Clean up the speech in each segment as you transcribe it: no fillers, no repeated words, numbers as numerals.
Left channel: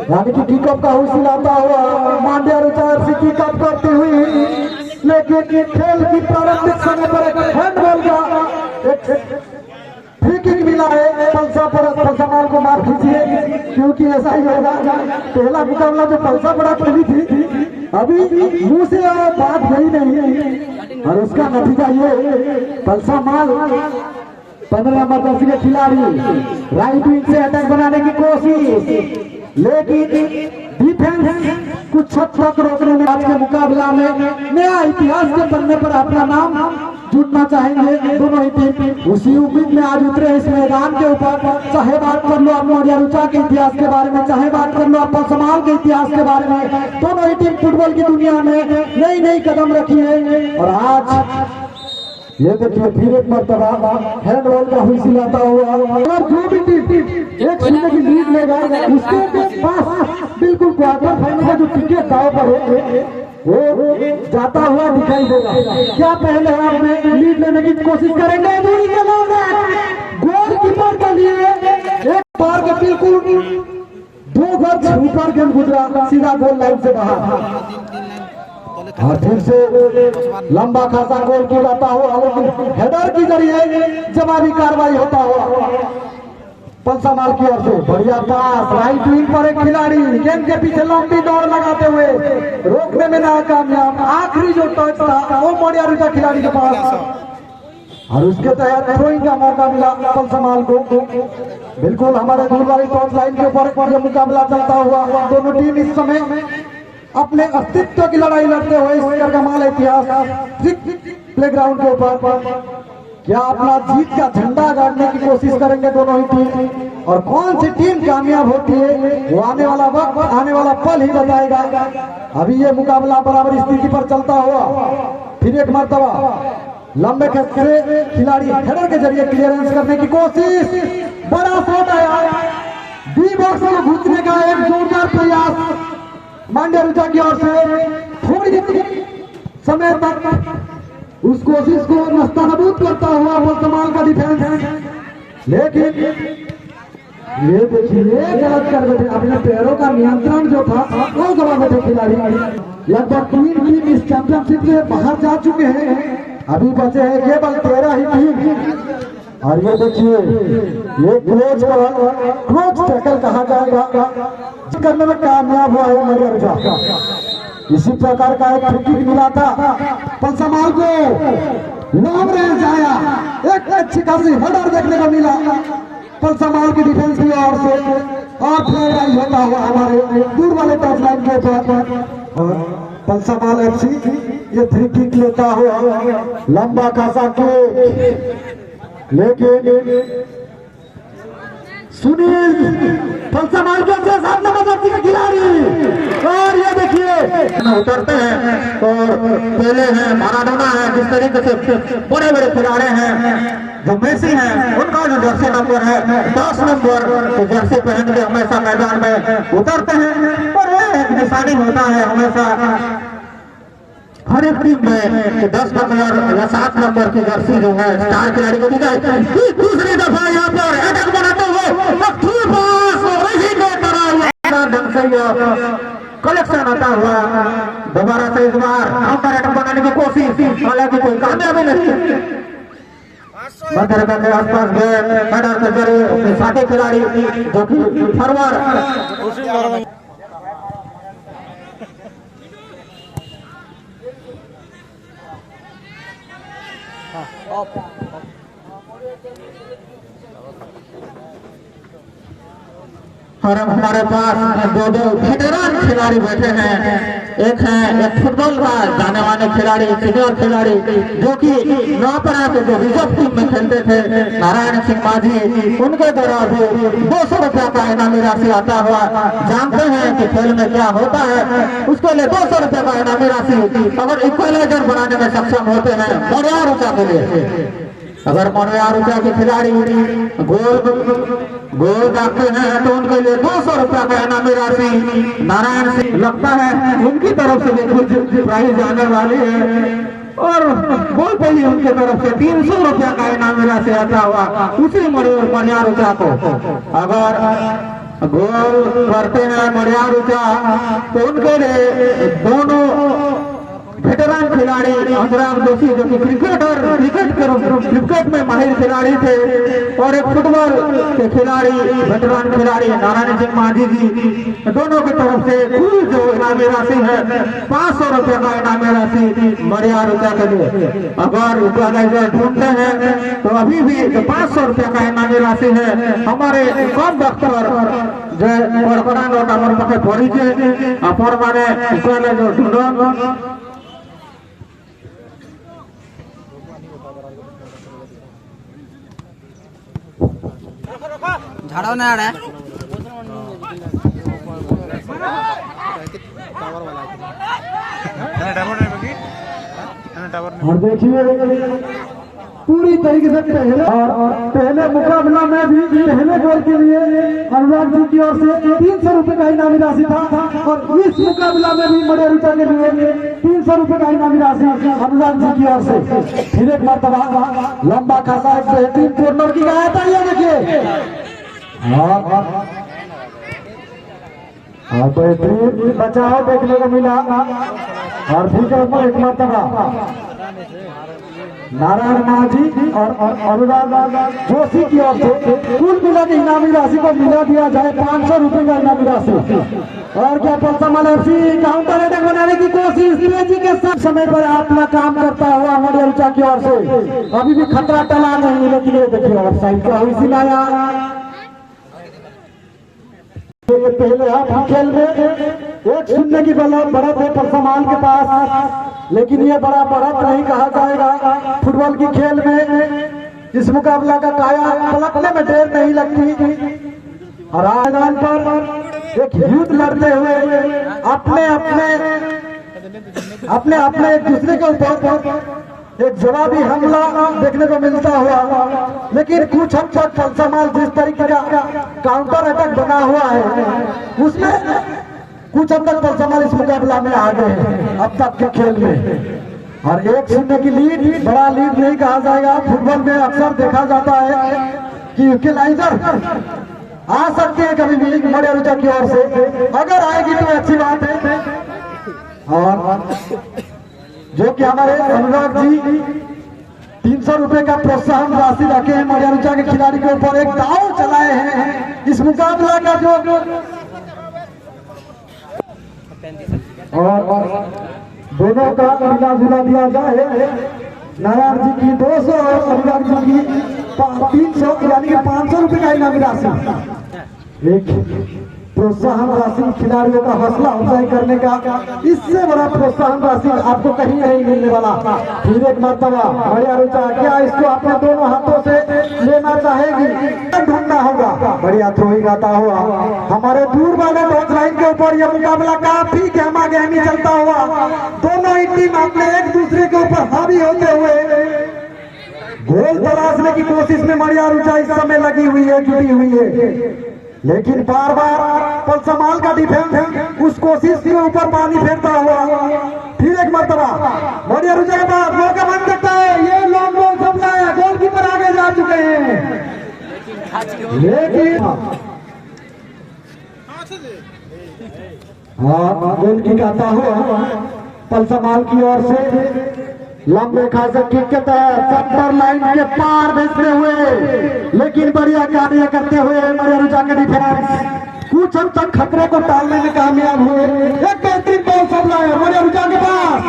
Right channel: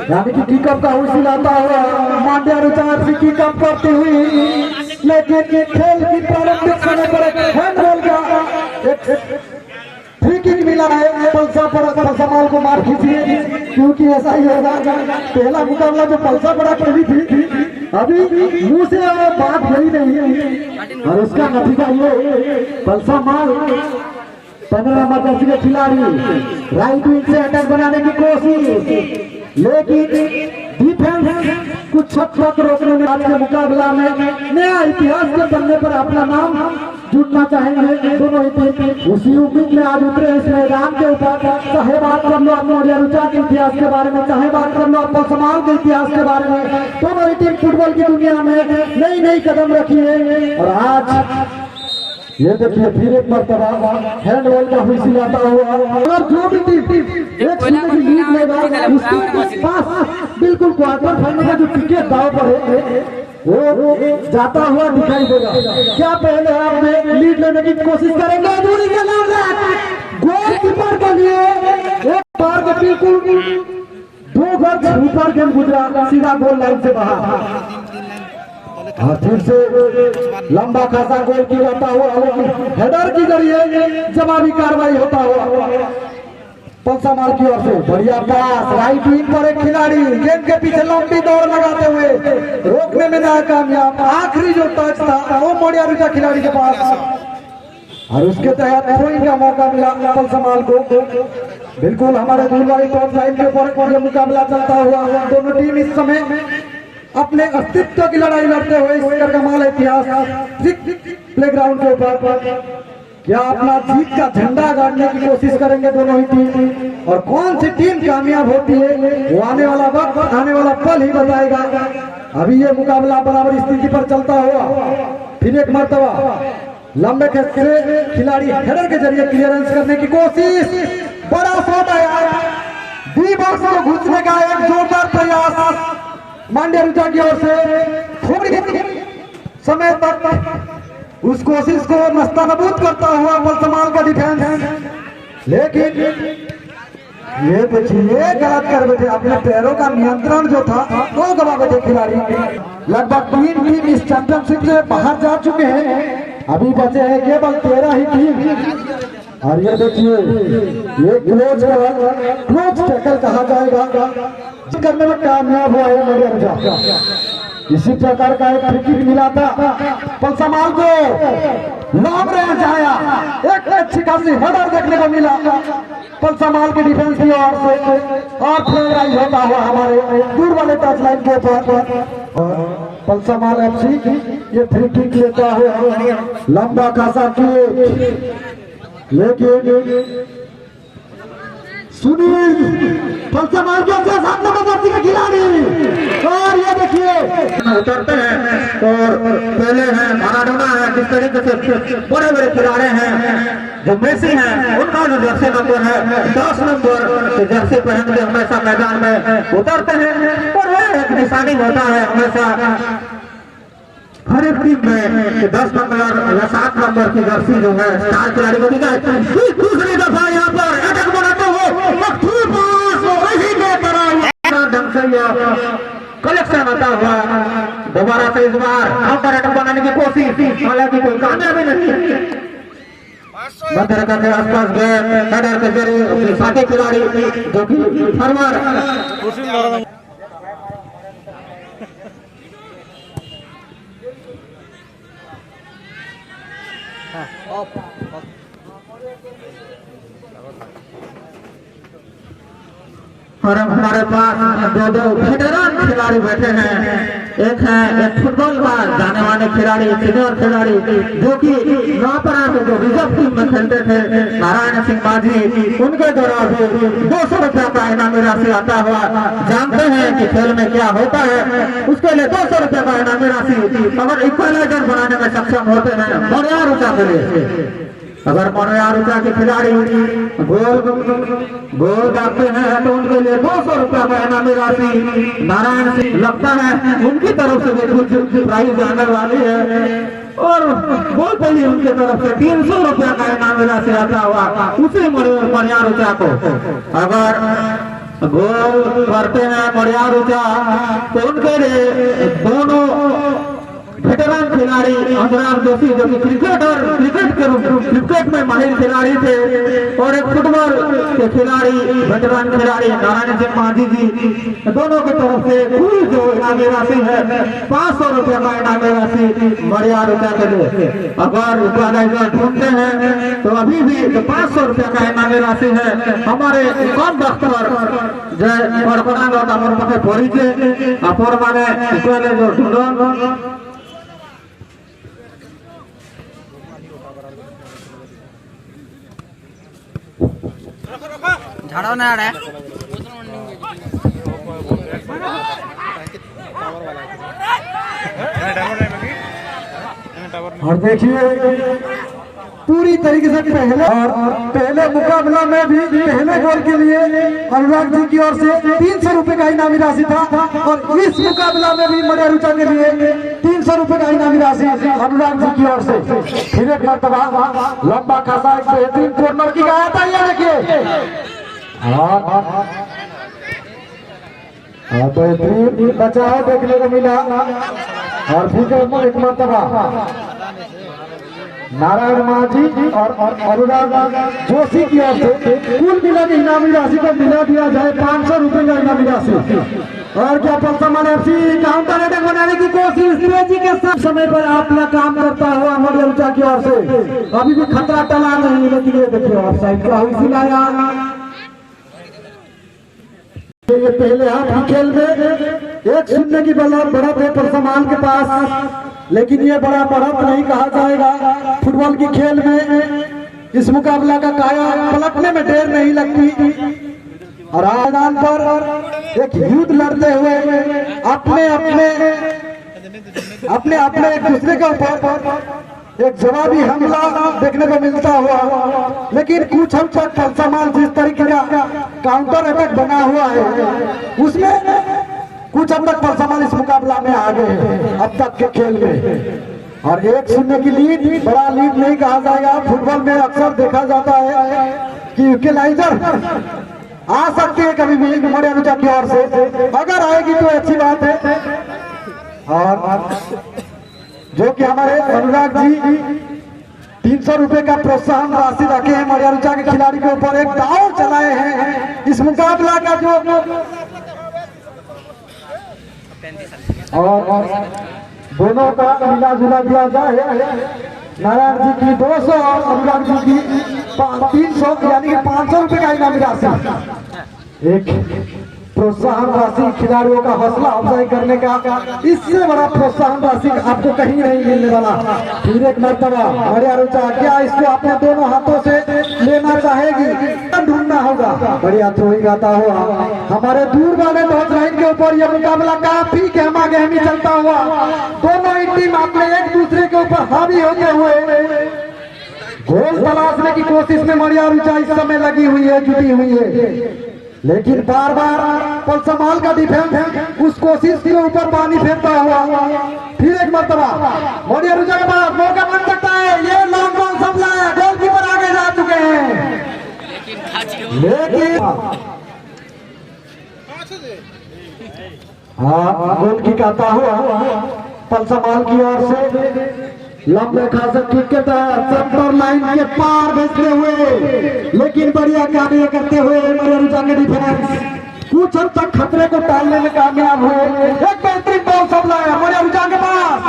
यानी कि किकअप का हुई लाता हुआ मांड्या रुचार से किकअप करती हुई, लेकिन खेल की प्रारंभिक समय पर एक हैंडबॉल का एक फ्री किक मिला है। पलसा को मार खींचिए, क्योंकि ऐसा ही होगा। पहला मुकाबला जो पलसा बड़ा खेली थी, अभी मुंह से बात हुई नहीं है, और उसका नतीजा ये पलसा माल 15 नंबर जर्सी के खिलाड़ी राइट विंग से अटैक बनाने की कोशिश, लेकिन डिफेंस कुछ छत तक रोकने में आज के मुकाबला में नया इतिहास के बनने पर अपना नाम जुटना चाहेंगे दोनों ही टीम। उसी उम्मीद में आज उतरे इस मैदान के ऊपर। चाहे बात कर लो आप मांड्या रुचा के इतिहास के बारे में, चाहे बात कर लो आप पलसमाल के इतिहास के बारे में, दोनों ही टीम फुटबॉल की दुनिया में नई नई कदम रखी है। और आज ये देखिए फिर एक मरतबा हैंडबॉल का हुई लाता हुआ, और जो भी टीम एक शून्य की लीड लेगा उसके पास बिल्कुल क्वार्टर फाइनल का जो टिकट दाव पर है वो जाता हुआ दिखाई देगा। क्या पहले हम लीड लेने की कोशिश करेंगे? गोलकीपर के लिए एक बार को बिल्कुल 2 गज ऊपर गेंद गुजरा, सीधा गोल लाइन से बाहर, और फिर से लंबा खासा गोल किया जाता हुआ, लेकिन हेडर के जरिए जवाबी कार्रवाई होता हुआ पलसा माल की ओर से बढ़िया पास राइट विंग पर एक खिलाड़ी गेंद के पीछे लंबी दौड़ लगाते हुए रोकने में नाकामयाब। आखिरी जो टच था वो मांड्या रुचा खिलाड़ी के पास, और उसके तहत थ्रोइंग का मौका मिला पलसा माल को। बिल्कुल हमारे दूरवाई टॉप लाइन के ऊपर यह मुकाबला चलता हुआ, दोनों टीम इस समय अपने अस्तित्व की लड़ाई लड़ते हुए इस कमाल इतिहास प्लेग्राउंड के ऊपर क्या अपना जीत का झंडा गाड़ने की कोशिश करेंगे दोनों ही टीम, और कौन सी टीम कामयाब होती है वो आने वाला वक्त, आने वाला पल ही बताएगा। अभी ये मुकाबला बराबर स्थिति पर चलता हुआ, फिर एक मरतबा लंबे खेत से खिलाड़ी हेडर के जरिए क्लियरेंस करने की कोशिश, बड़ा शॉट है, डी बॉक्स में घुसने का एक जोरदार प्रयास मांड्या रुचा की ओर से। थोड़ी समय तक उस कोशिश को नस्तनाबूद करता हुआ पलसमाल का डिफेंस, लेकिन ये देखिए गलत कर बैठे, अपने पैरों का नियंत्रण जो था वो गवा बैठे खिलाड़ी। लगभग 3 टीम इस चैंपियनशिप से बाहर जा चुके हैं, अभी बचे हैं केवल 13 ही टीम। और ये देखिए ये क्लोज टैकल कहा जाएगा करने में कामयाब हुआ है मांड्या रुचा। इसी प्रकार का एक फ्री किक मिला था पलसमाल को, लॉन्ग रेंज आया, एक अच्छी खासी हेडर देखने को मिला पलसमाल की डिफेंस की ओर से, और फ्लैग होता हुआ हमारे दूर वाले टच लाइन के ऊपर पलसमाल एफसी ये फ्री किक लेता हुआ लंबा खासा किक, लेकिन सुनील पलसमाल के 7 नंबर जर्सी के खिलाड़ी, और ये देखिए उतरते हैं, और पहले हैं माराडोना है, जिस तरीके से बड़े बड़े खिलाड़ी हैं जो मेसी हैं, उनका जो जर्सी नंबर है 10 नंबर तो जर्सी पहन के हमेशा मैदान में उतरते हैं, और एक निशानी होता है हमेशा हर एक टीम में 10 नंबर या 7 नंबर की जर्सी जो है स्टार खिलाड़ी को दी जाए। दूसरी दफा यहाँ पर अटैक बनाते हुए ढंग से कलेक्शन आता हुआ, दोबारा से इस बार यहाँ पर अटैक बनाने की कोशिश, हालांकि कोई कामयाबी नहीं। मध्यरकन के आसपास गए हेडर के जरिए अपने साथी खिलाड़ी जो कि फॉरवर्ड और हमारे पास 2 वेटरन खिलाड़ी बैठे हैं। एक फुटबॉल का जाने वाले खिलाड़ी, सीनियर खिलाड़ी जो कि यहाँ पर आके जो रिजर्व टीम में खेलते थे, नारायण सिंह माझी, उनके द्वारा भी 200 रुपया का इनामी राशि आता हुआ। जानते हैं कि खेल में क्या होता है, उसके लिए 200 रुपया का इनामी राशि अगर इक्वलाइजर बनाने में सक्षम होते हैं मांड्या रुचा के लिए। अगर मांड्या रुचा के खिलाड़ी गोल दागते हैं तो उनके लिए 200 रुपया का इनामी राशि नारायण सिंह लगता है उनकी तरफ से कुछ प्राइज आने वाली है, और गोल पे ही उनके तरफ से 300 रुपया का इनामी राशि आता हुआ उसी मांड्या रुचा को। अगर गोल करते हैं मरिया रुचा, तो उनके लिए दोनों वेटरन खिलाड़ी अनुराग जोशी जो कि क्रिकेट में माहिर खिलाड़ी थे, और एक फुटबॉल के खिलाड़ी वेटरन खिलाड़ी नारायण सिंह माझी जी, दोनों की तरफ से पूरी जो इनामी राशि है 500 रुपए का इनामी राशि मरिया रुचा के लिए। अगर ऑर्गेनाइजर ढूंढते हैं तो अभी भी 500 रुपए का इनामी राशि है हमारे कम वक्त पर जय पड़पड़ा আমার পাশে পড়িছে আপর মানে কইলে যে ঢুঁড়ো झाड़ो ना रे और देखिए पूरी तरीके से पहले मुकाबला में भी पहले गोल के लिए अनुराग जी की ओर से 300 रुपए का इनामी राशि था, और इस मुकाबला में भी मरिया रुचा के लिए 300 रुपए का इनामी राशि अनुराग जी की ओर से। फिर एक मरतबा लंबा खासा एक बेहतरीन कॉर्नर की गया था, ये देखिए बेहतरीन बचाव देखने को मिला। और फिर एक मरतबा नारायण माझी और अनुराग जोशी की ओर से कुल मिला के इनामी राशि को मिला दिया जाए 500 रुपए का इनामी राशि। और क्या पलसमान एफसी काउंटर अटैक बनाने की कोशिश तेजी के साथ समय पर अपना काम करता हुआ मरिया रुचा की ओर से अभी भी खतरा टला नहीं, लेकिन ये देखिए ऑफसाइड का हुई लाया। ये पहले हाथ खेल में 1-0 की बढ़त है परसमान के पास, लेकिन ये बड़ा बढ़त नहीं कहा जाएगा। फुटबॉल की खेल में इस मुकाबला का काया पलटने में देर नहीं लगती, और मैदान पर एक युद्ध लड़ते हुए अपने एक दूसरे के ऊपर एक जवाबी हमला देखने को मिलता हुआ, लेकिन कुछ हद तक पलसमान जिस तरीके का काउंटर अटैक बना हुआ है उसमें कुछ हद तक पलसमान इस मुकाबला में आ गए अब तक के खेल में। और 1-0 की लीड बड़ा लीड नहीं कहा जाएगा। फुटबॉल में अक्सर देखा जाता है कि इक्वलाइजर आ सकते हैं कभी भी मरिया रुचा की ओर से, अगर आएगी तो अच्छी बात है। और जो कि हमारे अनुराग जी 300 रुपए का प्रोत्साहन राशि रखे हैं मरिया रुचा के खिलाड़ी के ऊपर, एक दाव चलाए हैं इस मुकाबला का जो और दोनों का मिला जुला दिया जाए। नारायण जी की 200 और अनुराग जी की 300 यानी कि 500 रुपए का इनामी राशि, एक प्रोत्साहन राशि खिलाड़ियों का हौसला अफजाई करने का, इससे बड़ा प्रोत्साहन राशि आपको कहीं नहीं मिलने वाला। फिर एक मरतबा मरिया रुचा क्या इसको अपने दोनों हाथों से लेना चाहेगी, ढूंढना होगा। बढ़िया थ्रोइंग आता हुआ हमारे दूर वाले बहुत लाइन के ऊपर यह मुकाबला काफी गहमा गहमी चलता हुआ, दोनों ही टीम अपने एक दूसरे के ऊपर हावी होते हुए गोल तलाशने की कोशिश में मरिया रुचा इस समय लगी हुई है, जुटी हुई है। लेकिन बार बार पलसमाल का डिफेंस उस कोशिश के ऊपर पानी फेरता हुआ। फिर एक मरतबा मरिया रुचा के पास मौका बन सकता है, ये लॉन्ग बॉल सबला गोलकीपर आगे जा चुके हैं, लेकिन गोल की आता हुआ पलसमाल की ओर से लंबे खासा किक के तहत सेंटर लाइन के पार भेजते हुए, लेकिन बढ़िया कार्य करते हुए मरिया रुचा के डिफेंस कुछ हद तक खतरे को टालने में कामयाब हुए। एक बेहतरीन बॉल सब लाया मरिया रुचा के पास,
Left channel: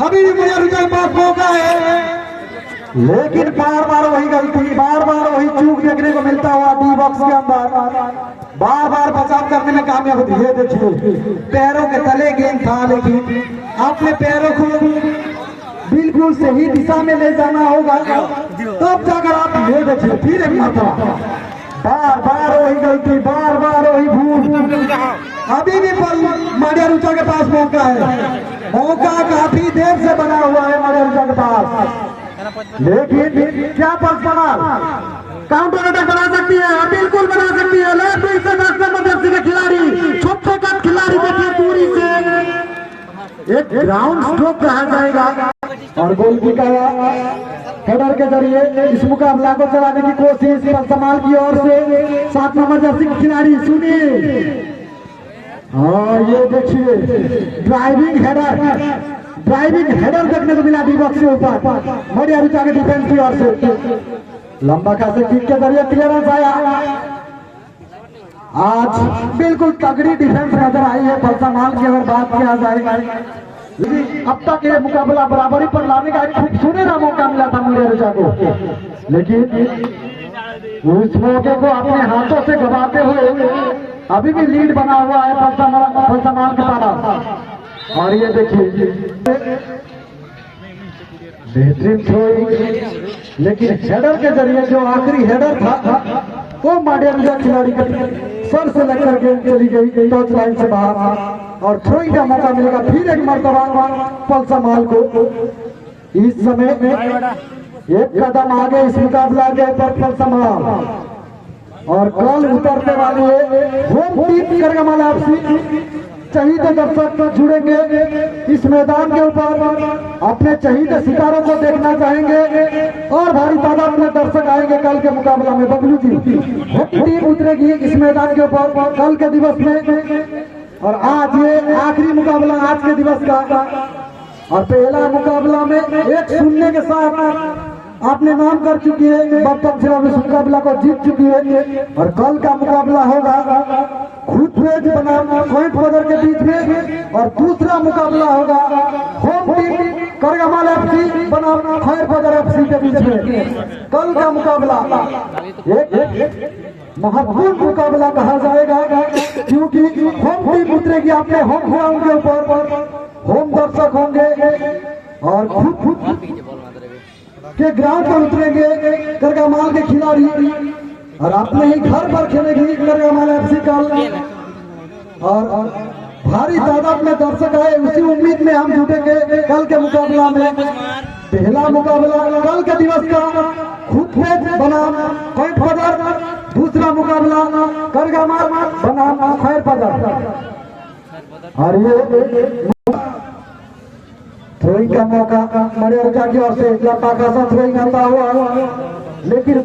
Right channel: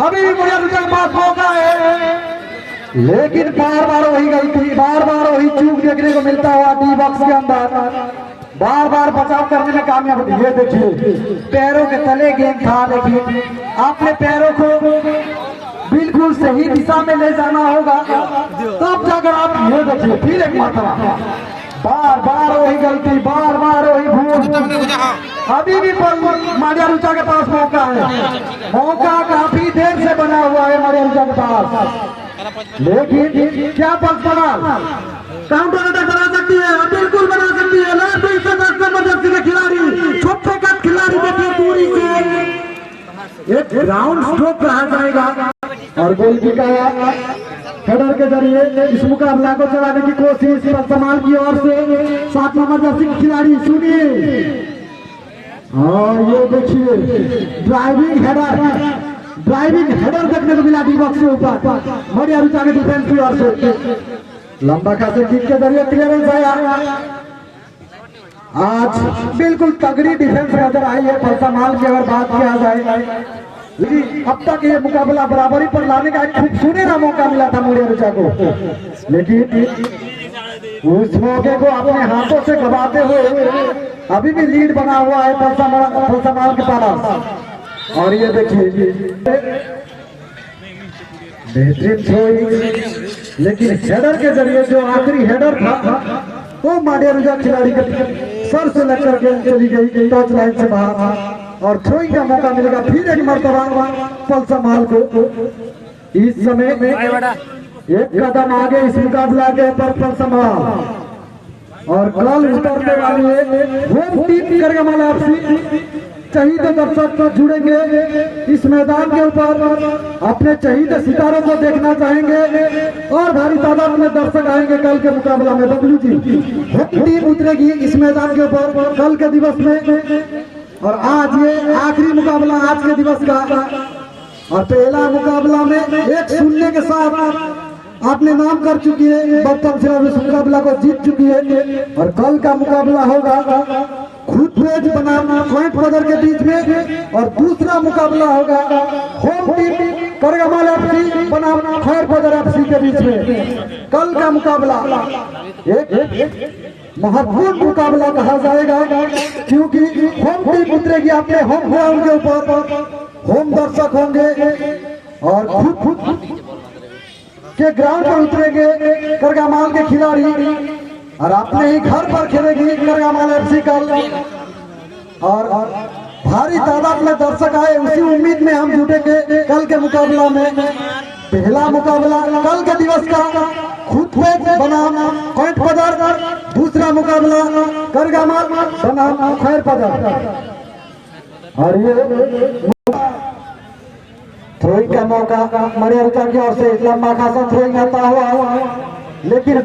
अभी भी मरिया रुचा के पास मौका है, लेकिन बार बार वही गलती, बार बार वही चूक देखने को मिलता हुआ डी बॉक्स के अंदर, बार बार बचाव करने में कामयाब होती है। देखिए पैरों के तले गेंद था, लेकिन आपने पैरों को बिल्कुल सही दिशा में ले जाना होगा, तब जाकर आप ये देखिए फिर एक मरतबा बार बार वही गलती, बार बार वही भूल। अभी भी मरिया रुचा के पास मौका है, मौका काफी देर से बना हुआ है मरिया रुचा के पास, लेकिन क्या पलसमान काउंटर अटैक बना सकती है? बिल्कुल बना सकती है। लास्ट जबरदस्ती के खिलाड़ी, छोटे कद खिलाड़ी देखिए दूरी से एक ग्राउंड स्ट्रोक कहा जाएगा, और गोल की हेडर के जरिए इस मुकाबला को चलाने की कोशिश पलसमान की ओर से 7 नंबर जर्सी खिलाड़ी सुनील हाँ ये देखिए ड्राइविंग हेडर देखने को मिला दीपक से ऊपर मरिया रुचा के डिफेंस की ओर से लंबा खासे किक के जरिए क्लियरेंस आया। आज बिल्कुल तगड़ी डिफेंस नजर आई है फलसा माल की अगर बात किया जाए। अब तक ये मुकाबला बराबरी पर लाने का एक खूबसूरत मौका मिला था मरिया रुचा को, लेकिन उस मौके को अपने हाथों से गवाते हुए अभी भी लीड बना हुआ है फलसा माल के पास। और ये देखिए बेहतरीन थ्रोइंग, लेकिन हेडर के जरिए जो आखिरी हेडर था वो मांडिया रुजा खिलाड़ी के सर से लगकर के चली गई टच लाइन से बाहर और थ्रोइंग का मौका मिलेगा फिर एक मरतबा फलसा माल को। इस समय एक कदम आगे इस मुकाबला के पर फलसा माल और कल उतरने वाली होम टीम करगमाल एफसी चहीते दर्शक तो जुड़ेंगे इस मैदान के ऊपर, अपने चहीते सितारों को देखना चाहेंगे और भारी तादाद में दर्शक आएंगे कल के मुकाबला में। बबलू जी होम टीम उतरेगी इस मैदान के ऊपर कल के दिवस में और आज ये आखिरी मुकाबला आज के दिवस का और पहला मुकाबला में एक शून्य के साथ आपने नाम कर चुकी है, बर्तन से इस मुकाबला को जीत चुकी है और कल का मुकाबला होगा खुद पेज बनाना पॉइंट बदर के बीच में और दूसरा मुकाबला होगा होम टीम करगमाल एफसी बनाम खैर बदर एफसी के बीच में। कल का मुकाबला एक महत्वपूर्ण मुकाबला कहा जाएगा क्योंकि होम टीम उतरेगी अपने होम ग्राउंड के ऊपर, होम दर्शक होंगे और खुद के ग्राउंड पर उतरेंगे करगमाल के खिलाड़ी और अपने ही घर पर खेलेगी करगमाल एफसी कल और भारी तादाद में दर्शक आए उसी उम्मीद में हम जुटेंगे कल के मुकाबला में। पहला मुकाबला कल के दिवस का खुद पेज बनाम पॉइंट बदर, दूसरा मुकाबला करगमाल बनाम खैर बदर और ये थ्रोइंग का मौका मरिया रुचा की ओर से लंबा खासा थ्रोइंग आता हुआ लेकिन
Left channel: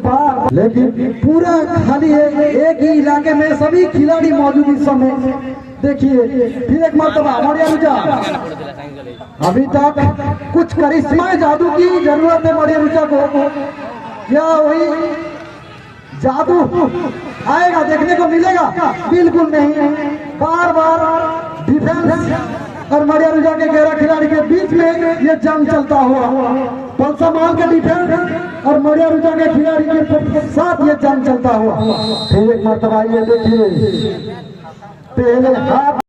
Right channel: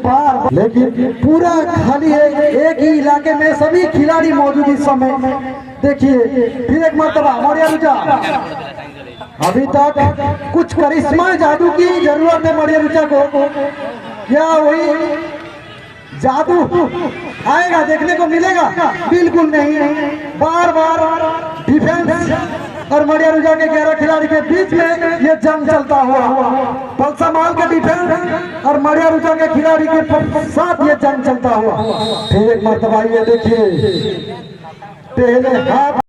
पूरा खाली है। एक ही इलाके में सभी खिलाड़ी मौजूद इस समय देखिए फिर एक मरतबा मरिया रुचा अभी तक कुछ करिश्मा जादू की जरूरत है मरिया रुचा को, क्या वही जादू आएगा देखने को मिलेगा? बिल्कुल नहीं, बार बार डिफेंस और मरिया रुजा के 11 खिलाड़ी के बीच में ये जंग चलता हुआ फलसा माल के डिफेंस और मरिया रुजा के खिलाड़ी के साथ ये जंग चलता हुआ। फिर एक मरतबा ये देखिए पहले हाथ